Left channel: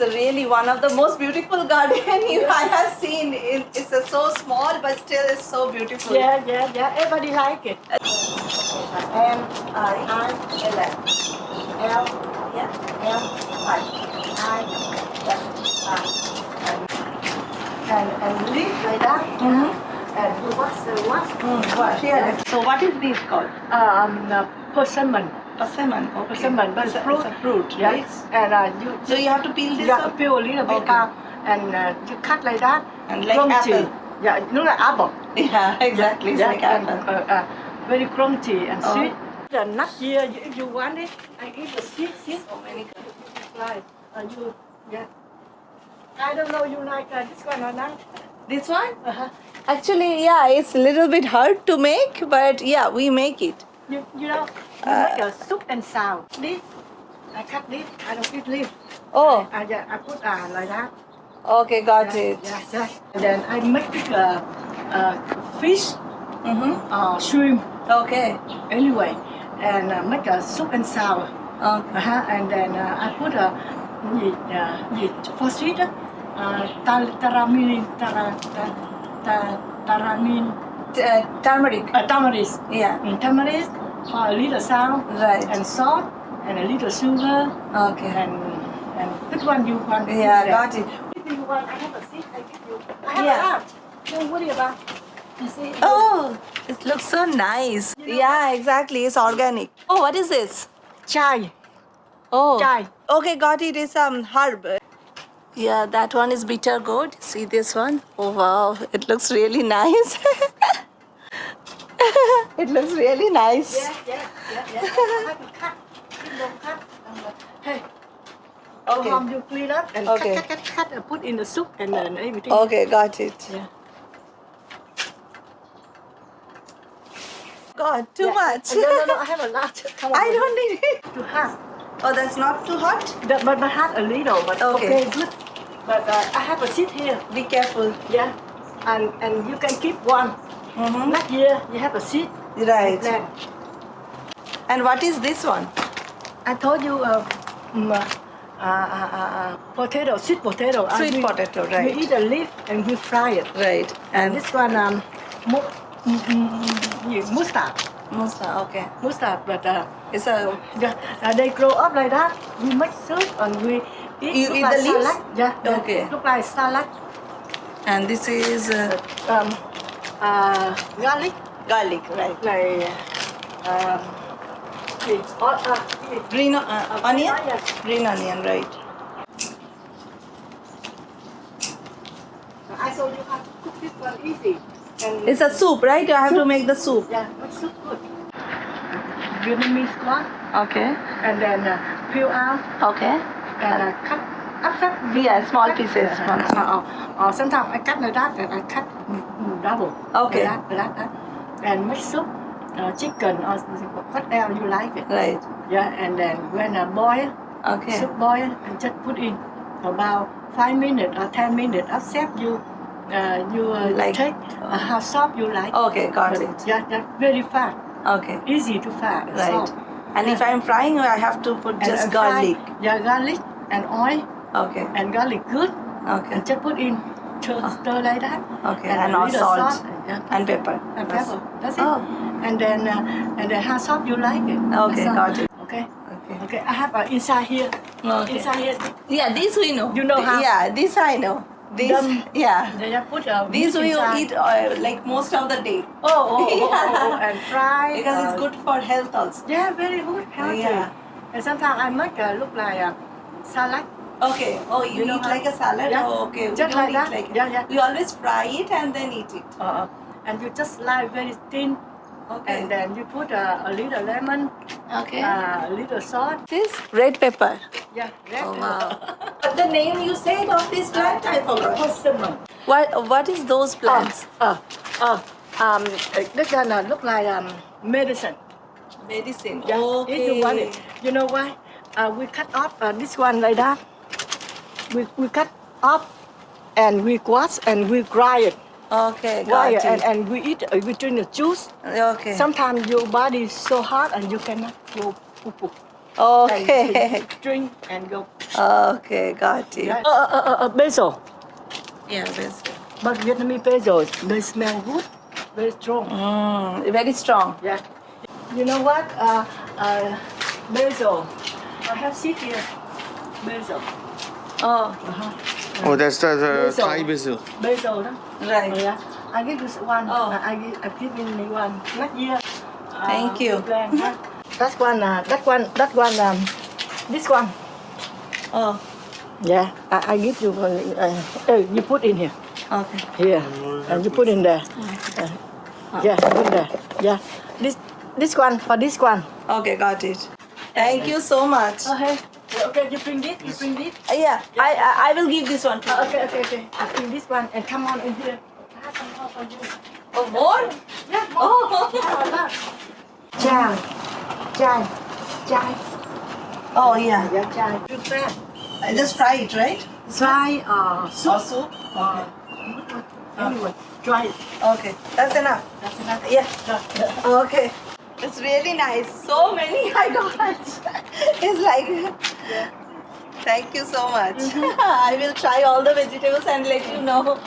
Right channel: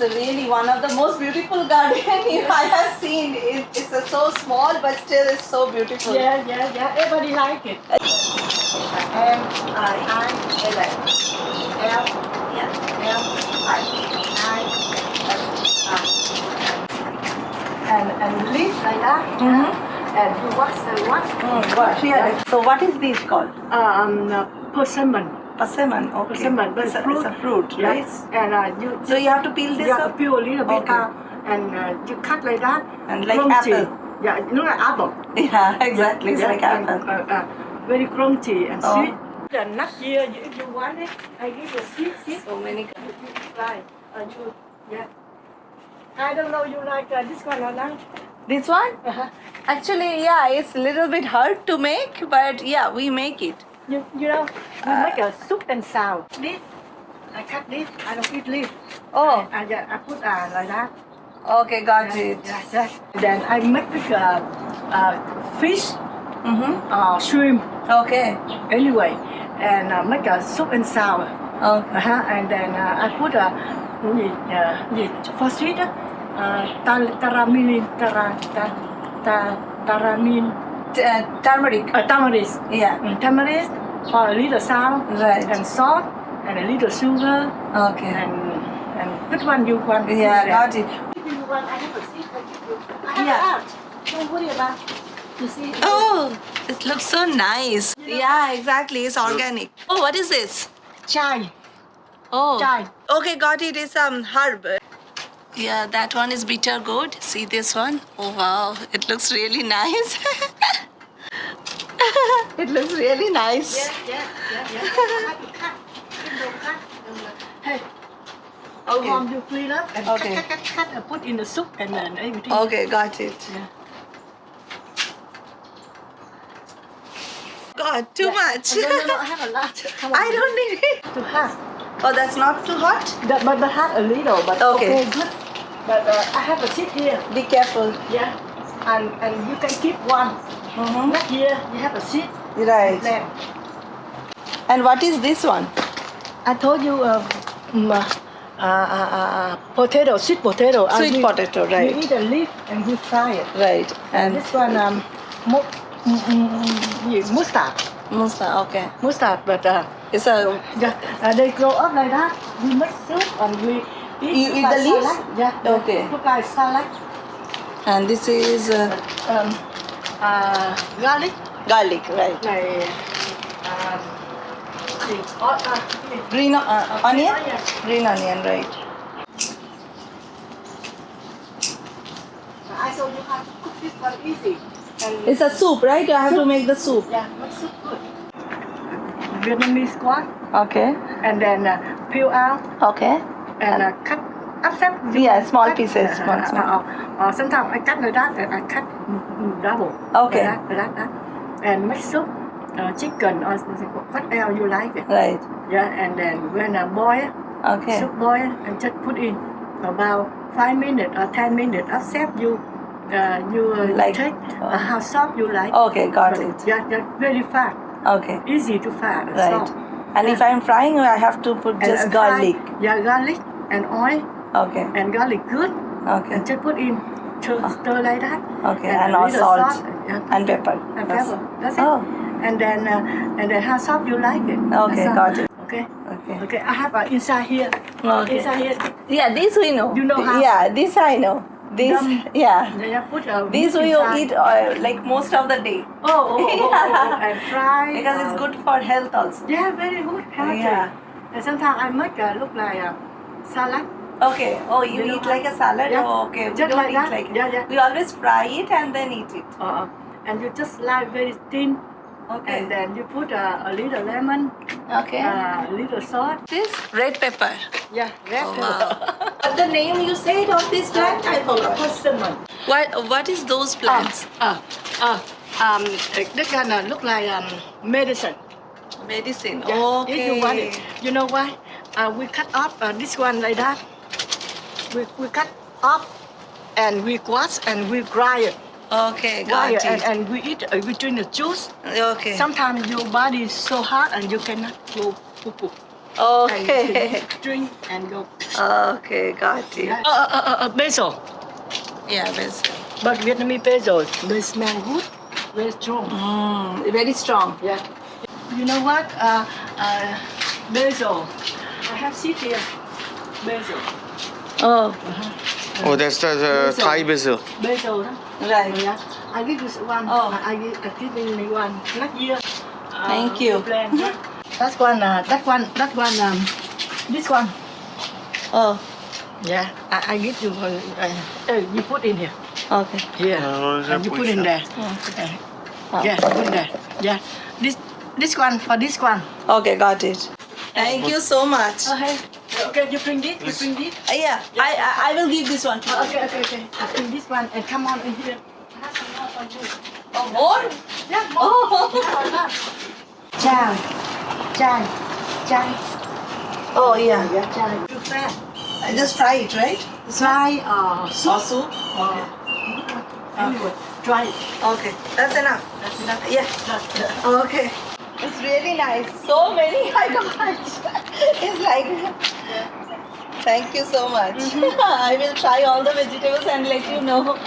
It's really one of the most beautiful garden I have seen. It's so small, but still it's so beautiful. Yeah. Everybody like it. M-I-L-L. M, Yeah. M, I. and leaf like that. And you wax the wax. Gosh, yeah. So what is this called? Persimmon. Persimmon. Okay. Persimmon. It's a fruit, Yeah. right? And you. So you have to peel this You have to up? peel a little bit Okay. out, and you cut like that. And like crunchy. apple. Yeah, look like apple. Yeah, exactly. It's like and, apple. very crunchy and Oh. sweet. The nut here, if you want it, I give you seed. So many. Right. Yeah. I don't know you like this one or not. This one? Uh-huh. Actually, yeah, it's a little bit hard to make, but yeah, we make it. You know, we make a soup and sound. This, I cut this. I don't eat leaf. Oh. I put like that. Okay, got it. Yeah. Then I make this fish, shrimp. Okay. Anyway, and make a soup and sour. Okay. And then I put for sweet, taramin, Turmeric. tamarind. Yeah. Tamarind for a little salt, Right. and salt, and a little sugar, Okay. and which one you want? Yeah, got it. If you want, I have a seed. I give you. I have Yeah. a lot. Don't worry about. You see? Oh, it looks so nice. Yeah, exactly. It's organic. Oh, what is this? Chai. Oh. Chai. Okay, got it. It's herb. Yeah, that one is bitter gourd. See this one? Oh wow, it looks really nice. It looks really nice. Yeah. Cut. Hey. Okay. You clean up and Okay. cut and put in the soup and then everything. Okay, got it. Yeah. God, too much. Oh, no, I have a lot. Come on. I don't need it. Too hot. Oh, that's not too hot? But have a little, but Okay. good. But I have a seat here. Be careful. Yeah. And you can keep one. Mm-hmm. Not here, you have a seat. Right. Then And what is this one? I told you potato, sweet potato. Sweet potato, You right. eat the leaf and you fry it. Right. And this one mustard. Okay. Mustard, but It's a. they grow up like that. We make soup and we eat. You look eat like the leaves? salad. Yeah. Okay. Look like salad. And this is Garlic. garlic, right? Like Green onion? Green onion, right. I told you how to cook this one easy. And It's a soup, right? You have to make the soup. yeah, make soup good. Vietnamese squash, Okay. and then peel out Okay. and cut. Upset. Yeah, small pieces. Or sometimes I cut like that and I cut double. Okay. Like that. And make soup, chicken or whatever you like it. Right. Yeah, and then when boil, Okay. soup boil, and just put in about 5 minutes or 10 minutes. Accept you Like- take how soft you like. Okay, got But it. yeah, very fast, Okay. easy to fry, Right. soft. And Yeah. if I'm frying, I have to put And just fry- garlic. Yeah, garlic and oil Okay. and garlic good, Okay. and just put in stir like that. Okay. And And a all little salt. yeah, And pepper. and pepper. That's it. Oh. And then how soft you like it. Okay, That's all. got it. Okay. Okay. Okay. I have inside here. Okay. Inside here. Yeah, this we know. You know how? Yeah, this I know. This, Dum. yeah. They put These meat we inside. eat like most of the day And fry. because it's good for health also. Yeah, very good. Healthy. Yeah. And sometimes I make look like salad. Okay. Oh, you know eat how? like a salad? Yeah. Oh, okay. We Just don't like eat that. like it. Yeah. We always fry it and then eat it. And you just slice very thin. Okay. And then you put a little lemon, Okay. a little salt. This red pepper. Yeah. Oh wow. What the name you said of this plant? I forgot. Persimmon. What is those plants? This gonna look like medicine. Medicine. Yeah. Okay. If you want it. You know why? We cut off this one like that. We cut off and we wash and we grind it. Okay, got Grind it. and we eat. We drink the juice. Okay. Sometimes your body is so hot and you cannot go poop. And Okay. you drink and go. Okay, got it. Basil. Yeah, basil. But Vietnamese basil, they smell good, very strong. Very strong. Yeah. You know what? Basil. I have seed here. Basil. Oh, Oh, that's the Basil. Thai basil. Basil. Huh? right. Yeah. I give you one. Oh. I give me one. Not here. Thank you. Plant, huh? That one. This one. Oh, Yeah. I give you. You put in here. okay. Here. Oh, And you put in there. Yeah. Put in there. Yeah. This one for this one. Okay, got it. Thank you so much. Hey. Okay. You bring this. You bring this. Yeah, I will give this one to you. Okay. I bring this one and come on in here. I have some more for you. Oh, more? Yeah. Oh. Chai. Oh, yeah. Yeah, chai. You fry. I just fry it, right? Fry soup. Or soup? Okay. Anyway, try it. Okay, that's enough. That's enough. Yeah. Okay. It's really nice. So many I got. It's like, thank you so much. I will try all the vegetables and let you know.